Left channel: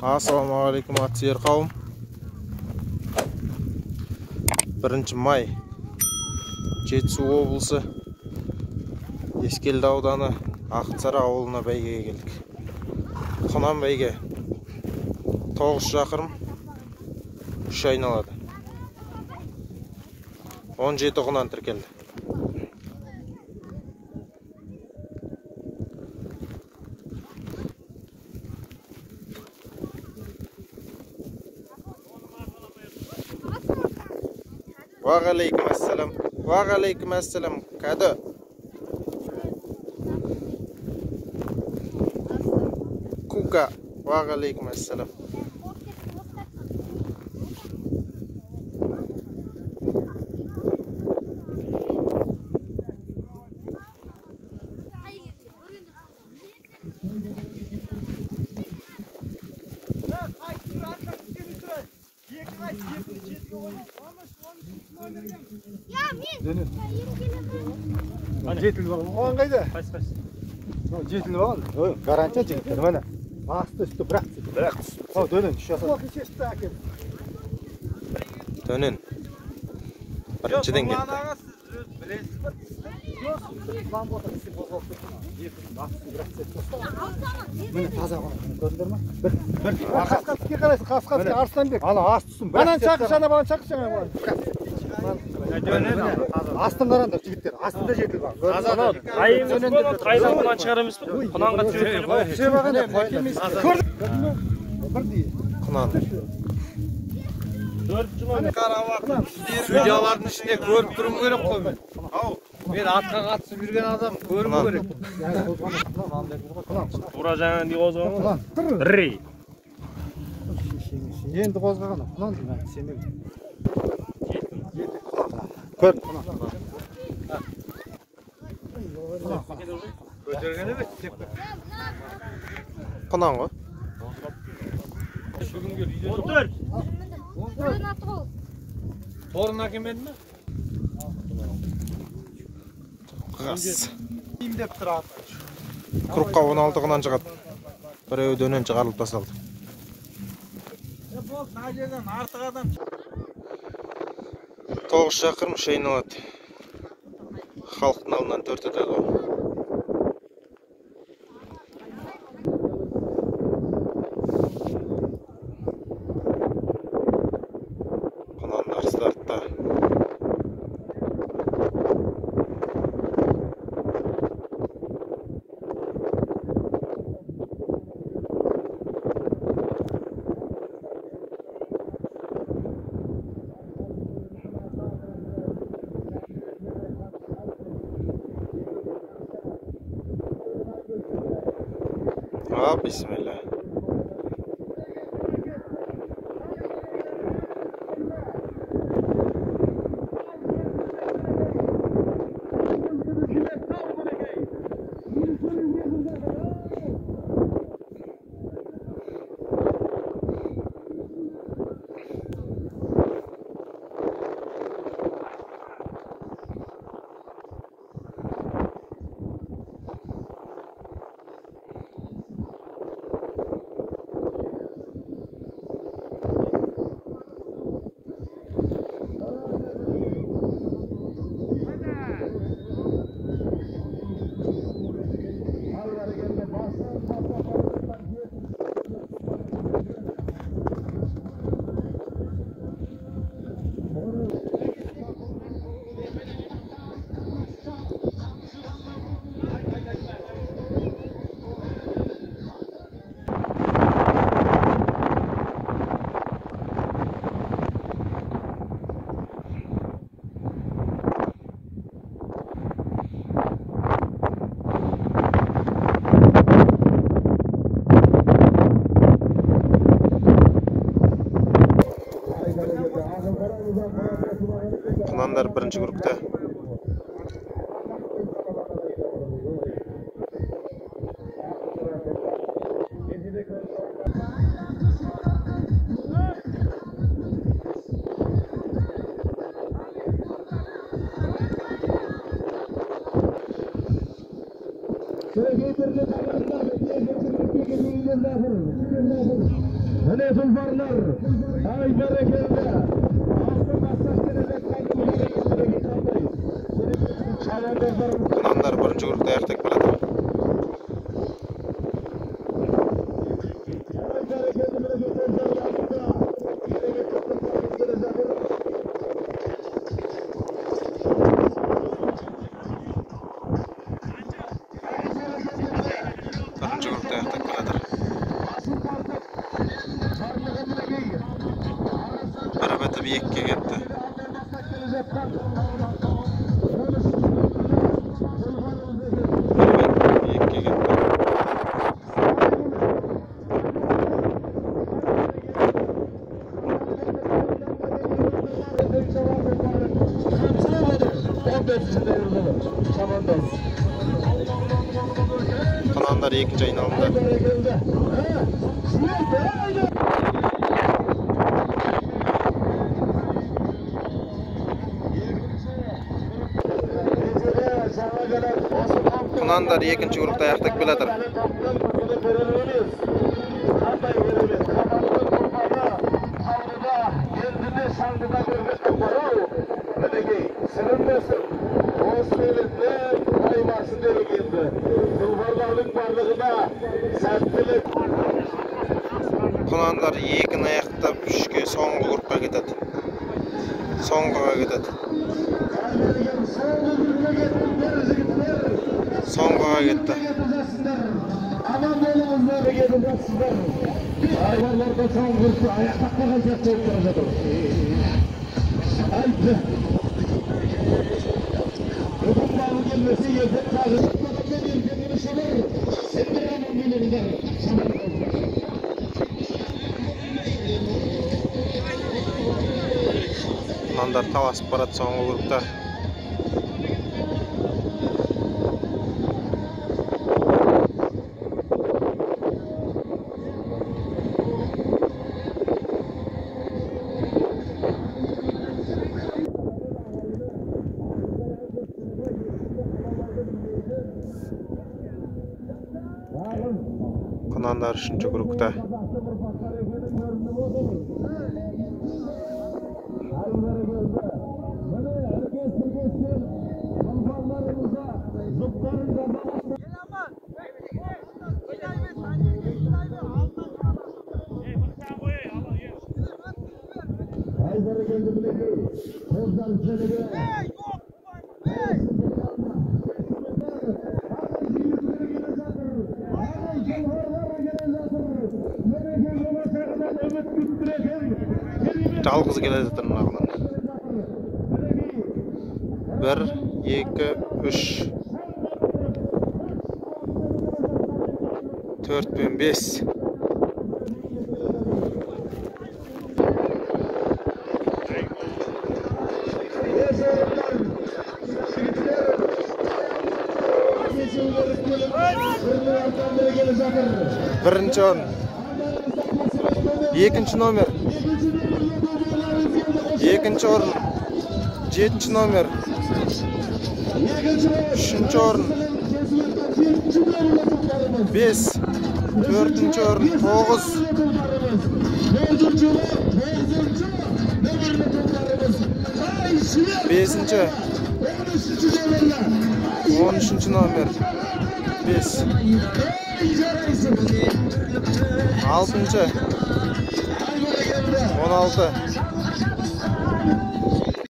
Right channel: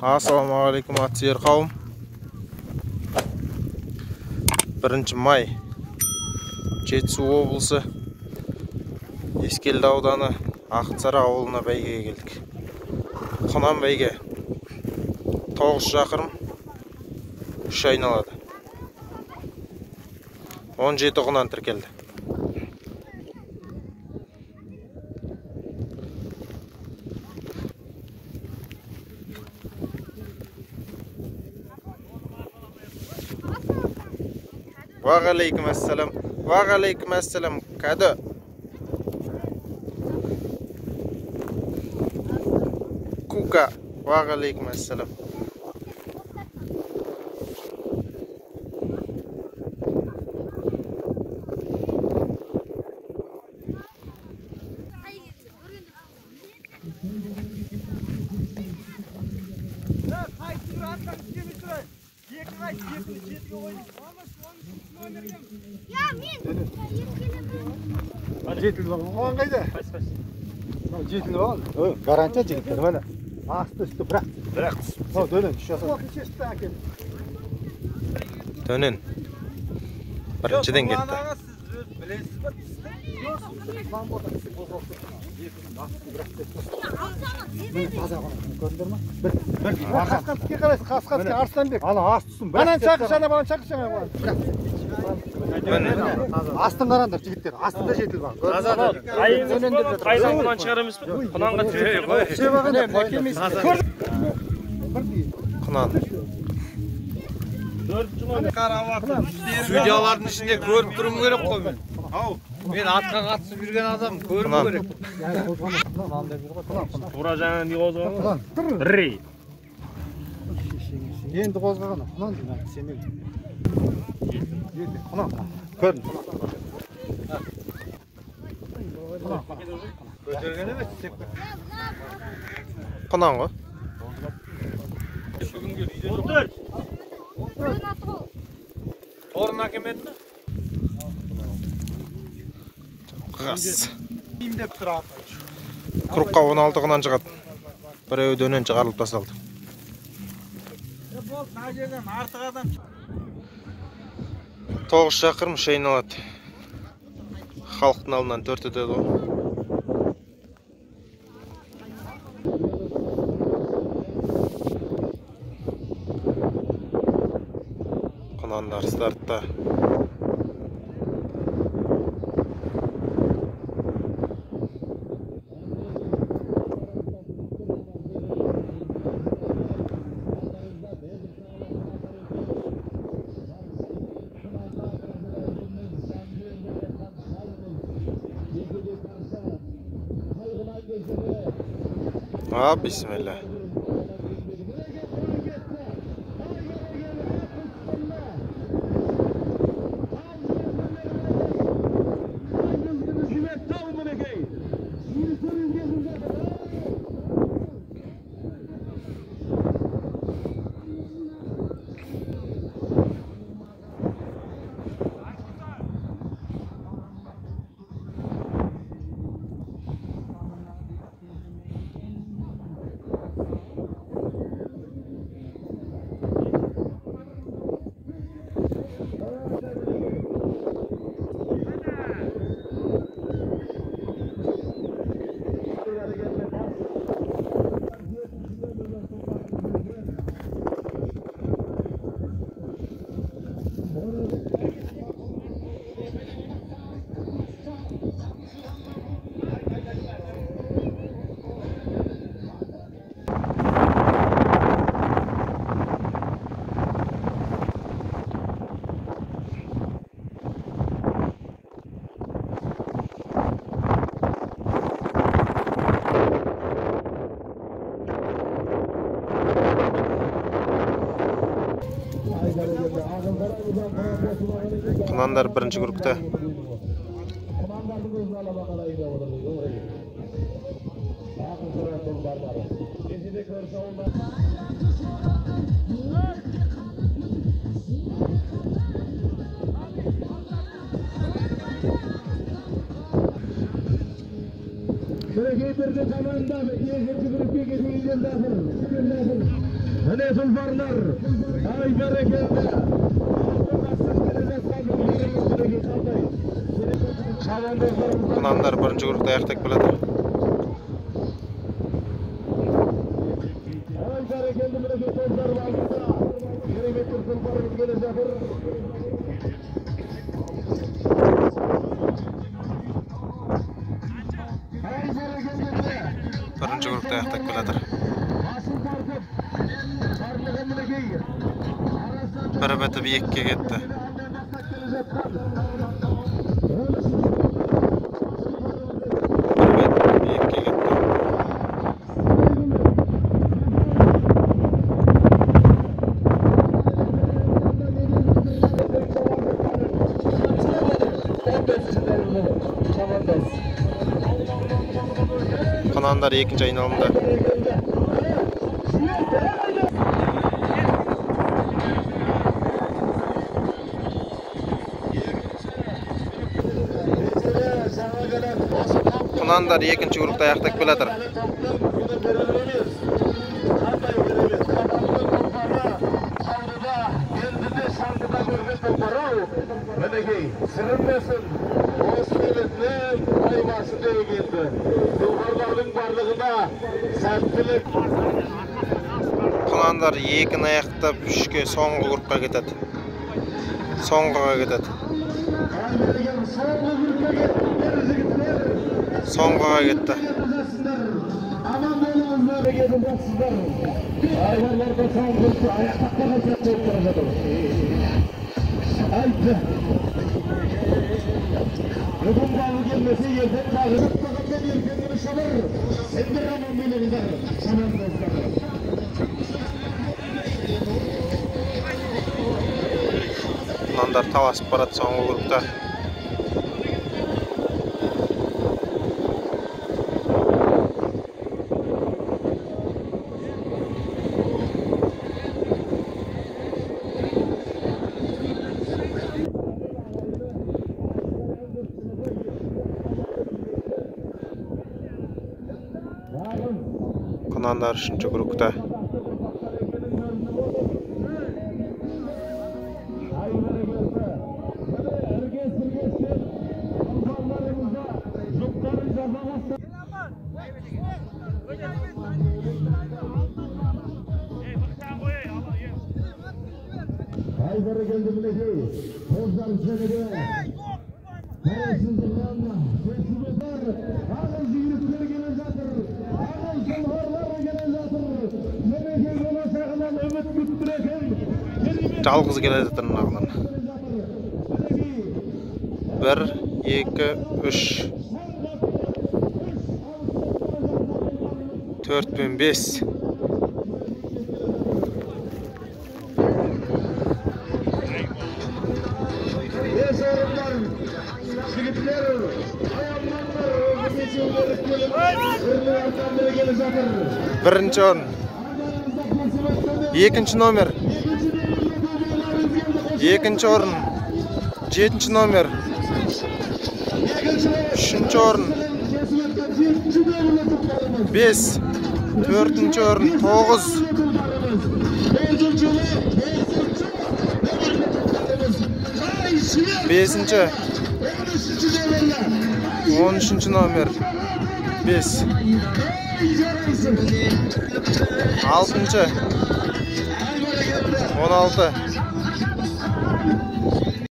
Assalamualaikum atсүйер қауым. 1 май Жетісу облысы Ескелді ауданы Ақсары ауылына бәйгеге келдік. Құнан бәйге 9 шақырым 3 айналады. 17 құнан тіркелді. Вағалейкум ассалам. Вағалейкум ассалам. Кәді. Кука. Вағалейкум ассалам. Жетілді бағын оған қайда? Жетілді бағын? Гарантия жігіттер, мәне. Асты үсті бірақ түсті. Бірақ түсті. Дөнен, Дөнен. Біріншіден кетті. Мені таза ғана көрдіңдер ма? Бір. Қасқатыске қарайсың, Қасқатыске Арыстанбек. Ана ас түсін. Банан шақыр, шана балан шақыр, шана балан. Астын қараңдар жігіттер, астында жетіл бар. Айыңыз болады, қайдан бұған шығарамыз бір? Құнанға Құнан. Судьялардың ішінде көріп тұрым керек қой мен. Мен атқа қатысып жүрген адам көріп керек. Тура жаңа не қозғаған? Рей. Енді қозғаған. Құнан дейін, сенен. Көрдің. Құнан ғой. Отыр. Торын әкемеді ме? Қас. Емдеп тұрады. Құрыққа 16 құнан шығады. Біреуі дөнен шығарылып тасталды. 9 шақырым 3 айналады. Халықтың алдынан 4 өтеді ғой. Құнандар стартта. Bismillah. Құнандар бірінші группта. Şöyle getirdi kamerada, bir yerde bir peki bir yerde. Qonanlar birinchi guruhda аяқтап keladi. Birinchi guruhda аяқтап keladi. Bir beti biyikке ketdi. Qonanlar ikinci ayналымda. Qonanlar ikinci guruhda аяқтап келеді. Qonanlar екіні аяқтап үшке соңғы группқа кетеді. Соңғыға кетеді. Соңғыға кетті. Qonanlar таласып барады соңғы группта. Qonanlar 3-cü grupta. Жалғыз келе жатыр мынағынан. 1, 2, 3, 4 пен 5. Birinci orun. 2-ci номер. 2-ci orun. 7-ci номер. 3-cü orun. 5. 4-cü orun. 9. 5-ci. 13-cü номер. 5. 6-cı. 16.